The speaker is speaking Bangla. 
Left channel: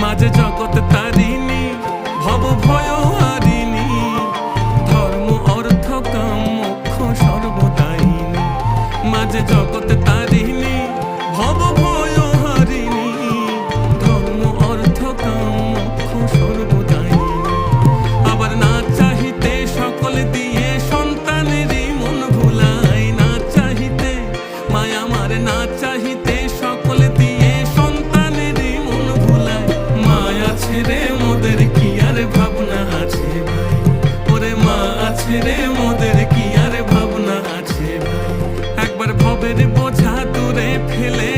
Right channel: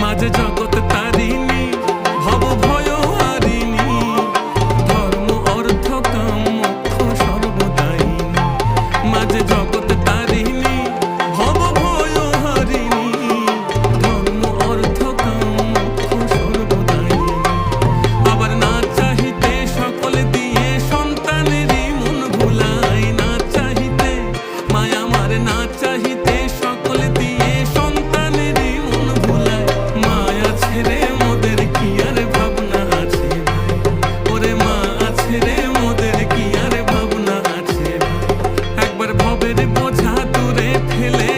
মাঝে জগৎ তারিণী, ভব ভয় হারিণী, ধর্ম অর্থ কাম মোক্ষ সর্বদায়িনী। মাঝে জগৎ তারিণী, ভব ভয় হারিণী, ধর্ম অর্থ কাম মোক্ষ সর্বদায়িনী। আবার না চাহিতে সকল দিয়ে সন্তানেরই মন ভুলায়, না চাহিতে মায়া আমার, না চাহিতে সকল দিয়ে সন্তানেরই মন ভুলায়। মায়া ছেড়ে মোদের কি আর ভাবনা আছে ভাই, ওরে মা ছেড়ে মোদের কি আর ভাবনা আছে ভাই। একবার ভবের বোঝা দূরে ফেলে